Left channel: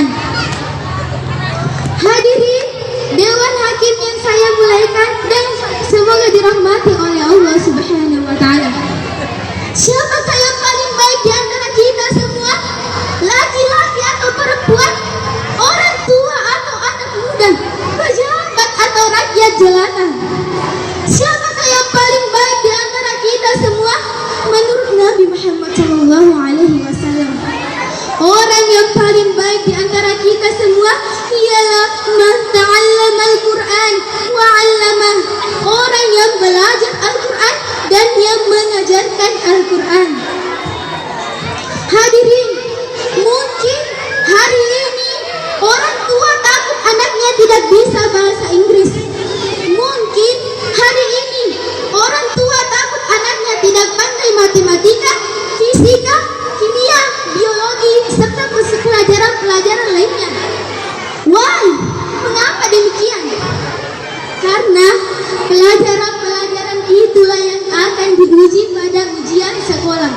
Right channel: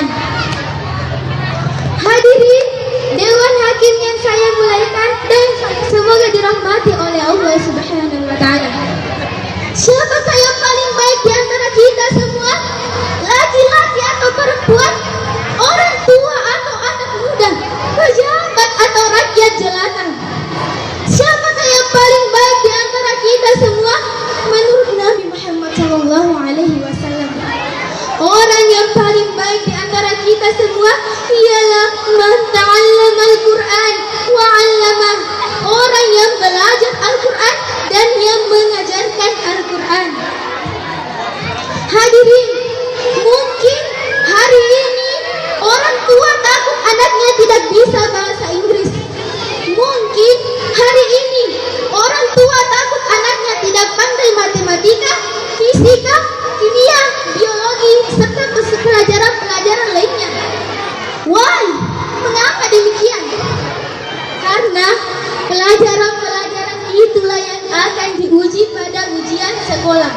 Al-Quran. Hadirin Dewan Hakim yang saya muliakan dan semoga dirahmati oleh Allah Subhanahu wa Ta'ala. Siapakah yang paling baik di antara kita semua? Laki-laki atau perempuan? Orang tua atau anak muda? Pejabat atau rakyat jelata? Siapakah yang paling baik di antara kita semua? Menurut Nabi Muhammad SAW, orang yang paling baik di antara kita semua ialah man ta'allama al-Quran wa 'allamah, orang yang belajar Al-Quran dan yang mengajarkan Al-Quran. Hadirin, mungkin hari ini orang tua takut anaknya tidak bisa bahasa Inggris. Mungkin hari ini orang tua takut anaknya tidak pandai matematika, fisika, kimia, biologi, serta pelajaran-pelajaran lainnya. Why? Mengapa demikian? Karena pelajaran-pelajaran itulah yang akan diuji pada ujian sekolah.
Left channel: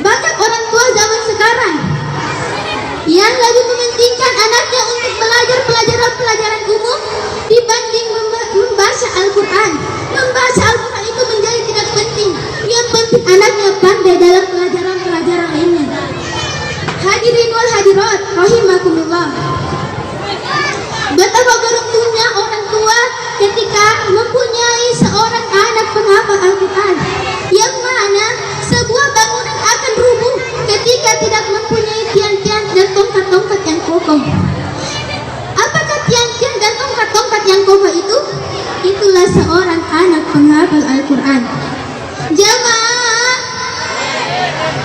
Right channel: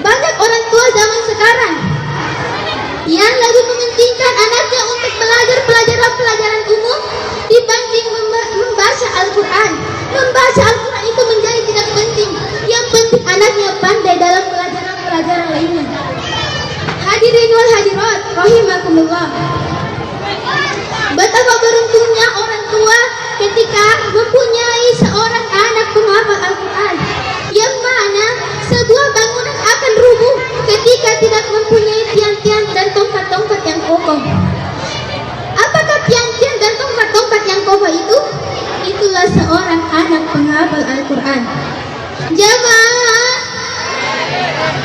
Banyak orang tua zaman sekarang yang lebih mementingkan anaknya untuk belajar pelajaran umum dibanding membaca Al-Quran. Membaca Al-Quran itu menjadi tidak penting. Yang penting anaknya pandai dalam pelajaran lainnya. Hadirin wal hadirat rahimakumullah. Betapa beruntungnya orang tua ketika mempunyai seorang anak penghafal Al-Quran, yang mana sebuah bangunan akan rubuh ketika tidak mempunyai tiang-tiang dan tongkat-tongkat yang kokoh. Apakah tiang-tiang dan tongkat-tongkat yang kokoh itu? Itulah seorang anak penghafal Al-Quran. Jamaah,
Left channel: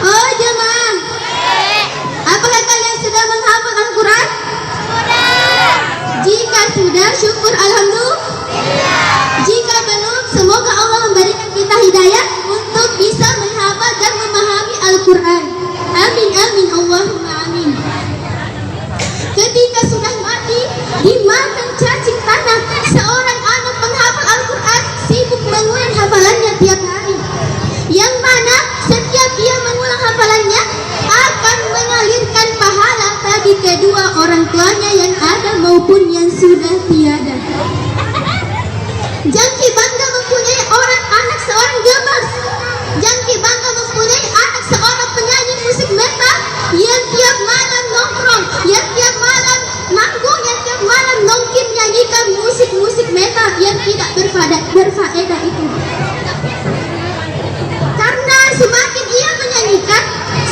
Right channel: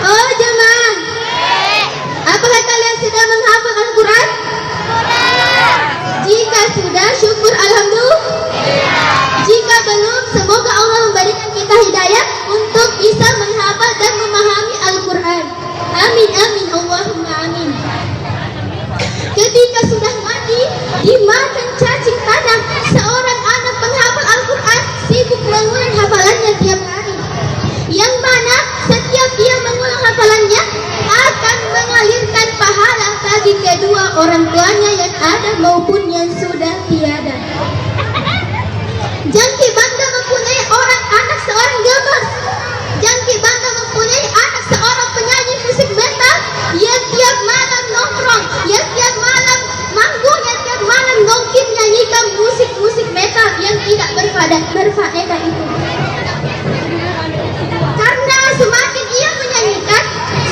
oh jamaah, apakah kalian sedang menghafal Al-Quran? Jika sudah, syukur alhamdulillah. Jika belum, semoga Allah memberikan kita hidayah untuk bisa menghafal dan memahami Al-Quran. Amin amin Allahumma amin. Ketika sudah mati dimakan cacing tanah, seorang anak penghafal Al-Quran sibuk mengulang hafalannya tiap hari, yang mana setiap dia mengulang hafalannya akan mengalirkan pahala bagi kedua orang tuanya yang ada maupun yang sudah tiada. Jangki bangga mempunyai anak seorang gamas. Jangki bangga mempunyai anak seorang penyanyi musik metal yang tiap malam nongkrong, yang tiap malam manggung, yang tiap malam nongkin nyanyikan musik metal yang tidak berfaedah itu. Karena semakin ia menyanyikan,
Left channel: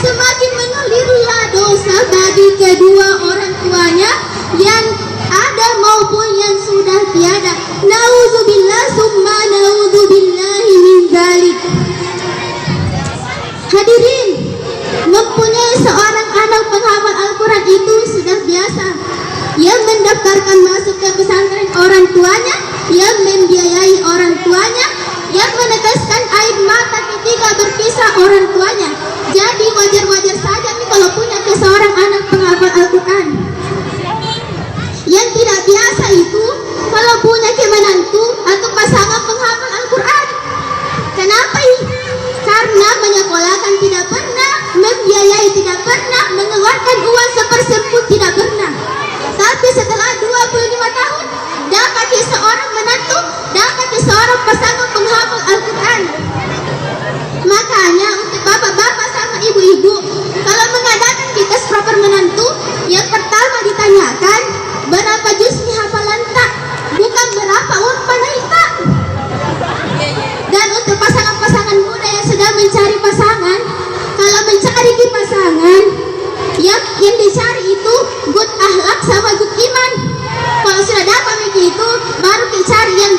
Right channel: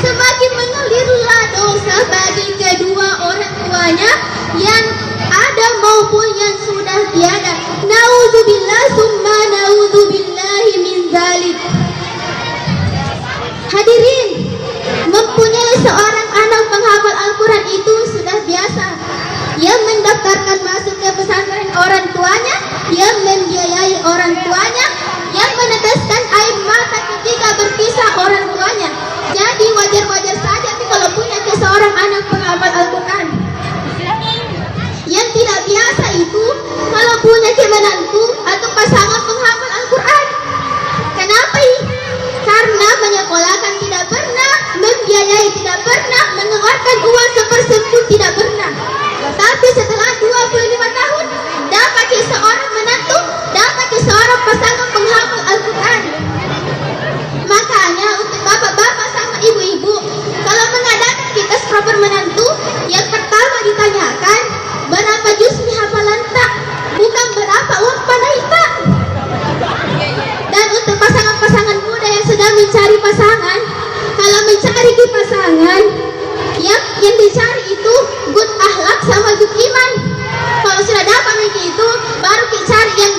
semakin mengalirlah dosa bagi kedua orang tuanya yang ada maupun yang sudah tiada. Naudzubillah summa naudzubillahi min dzalik. Hadirin, mempunyai seorang anak penghafal Al-Quran itu sudah biasa. Yang mendaftarkan masuk ke pesantren orang tuanya, yang membiayai orang tuanya, yang meneteskan air mata ketika berpisah orang tuanya. Jadi wajar-wajar saja kalau punya seorang anak penghafal Al-Quran. Yang tidak biasa itu kalau punya menantu atau pasangan penghafal Al-Quran. Kenapa ini? Karena menyekolahkan tidak pernah, membiayai tidak pernah, mengeluarkan uang sepersepun tidak pernah. Tapi setelah 25 tahun dapat seorang menantu, dapat seorang pasangan penghafal Al-Quran. Makanya untuk bapak-bapak sama ibu-ibu, kalau mengadakan kita proper menantu, yang pertama ditanyakan berapa juz hafalan tak, bukan berapa uang panai tak. Dan untuk pasangan-pasangan muda yang sedang mencari pasangan, kalau mencari di pasangan, yang dicari itu good akhlak sama good iman. Kalau sudah dapat begitu, baru dicari yang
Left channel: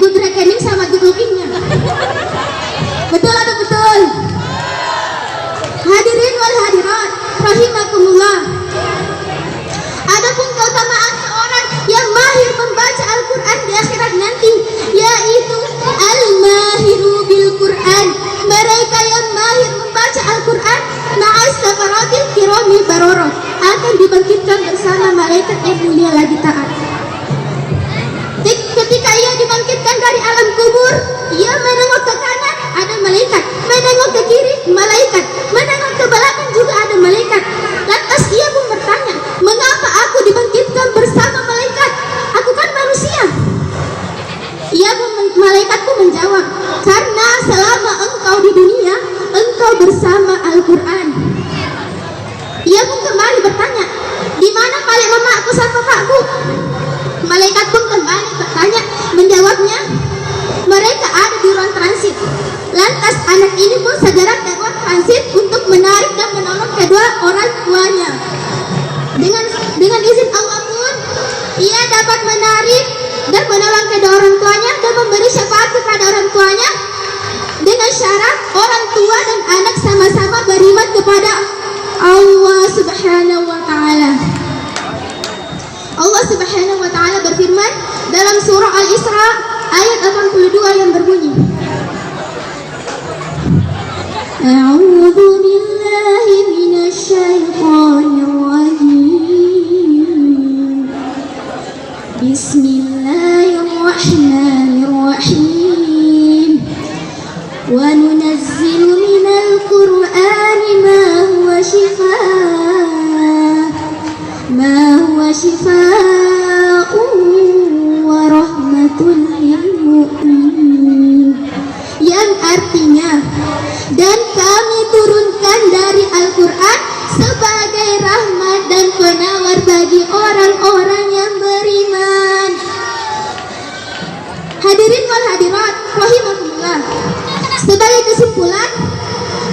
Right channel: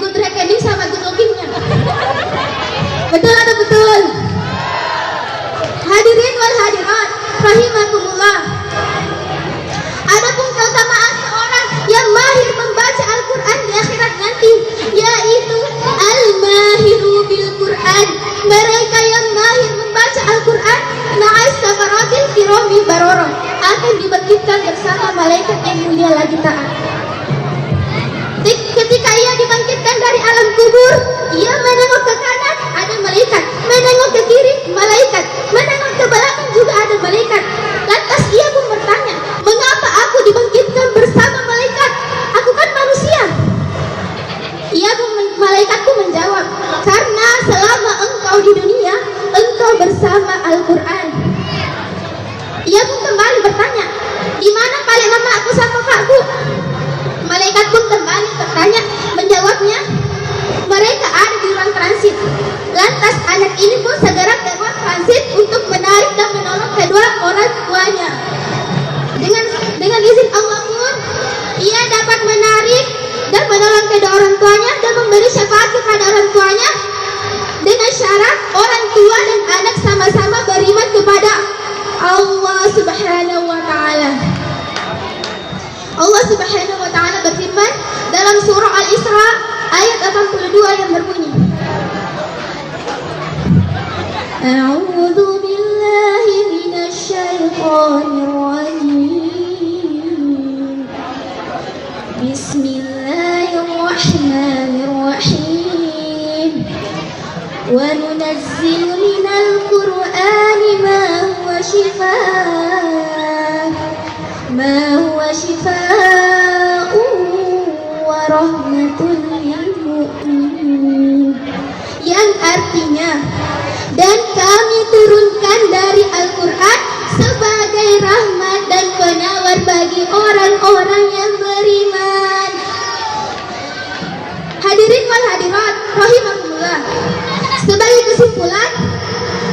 good rekening sama good lookingnya. Betul atau betul? Hadirin wal hadirat rahimakumullah. Adapun keutamaan seorang yang mahir membaca Al-Quran di akhirat nanti, yaitu al-mahiru bil Quran. Mereka yang mahir membaca Al-Quran ma'as safaratil kirami baroroh akan dibangkitkan bersama malaikat yang mulia lagi taat. Ketika ia dibangkitkan dari alam kubur, ia menengok ke kanan, ada malaikat, menengok ke kiri, malaikat, menengok ke belakang juga ada malaikat. Lantas ia pun bertanya, menarik dan menolong kedua orang tuanya. Dengan izin Allah pun, ia dapat menarik dan menolong kedua orang tuanya dan memberi syafaat kepada orang tuanya dengan syarat orang tua dan anak sama-sama beriman kepada Allah Subhanahu wa Ta'ala. Allah Subhanahu wa Ta'ala berfirman dalam surah Al-Isra ayat 82 yang berbunyi, A'udzu billahi minasy syaithanir rajim. Bismillahirrahmanirrahim. Wa nunazzilu minal Qur'ani ma huwa shifaa'un wa rahmatun lil mu'minin. Yang artinya, dan kami turunkan dari Al-Quran sebagai rahmat dan penawar bagi orang-orang yang beriman. Hadirin wal hadirat rahimakumullah. Sebagai kesimpulan,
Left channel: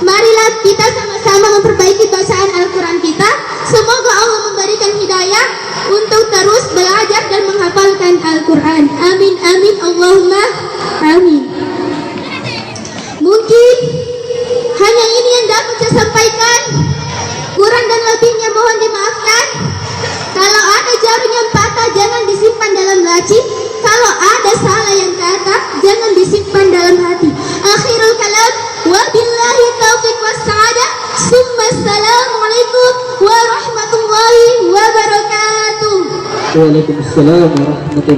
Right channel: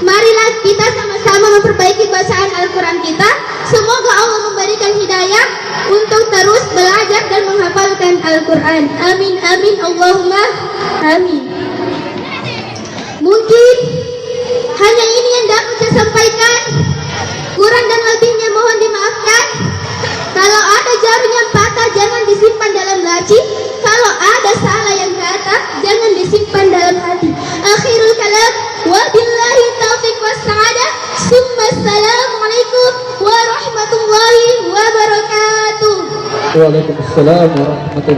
marilah kita sama-sama memperbaiki bacaan Al-Quran kita. Semoga Allah memberikan hidayah untuk terus belajar dan menghafalkan Al-Quran. Amin amin Allahumma amin. Mungkin hanya ini yang dapat saya sampaikan. Kurang dan lebihnya mohon dimaafkan. Kalau ada jarum yang patah jangan disimpan dalam laci. Kalau ada salah yang kata jangan disimpan dalam hati. Akhirul kalam, wabillahi taufiq wassa'adah. Assalamualaikum warahmatullahi wabarakatuh. Waalaikumsalam warahmatullahi wabarakatuh.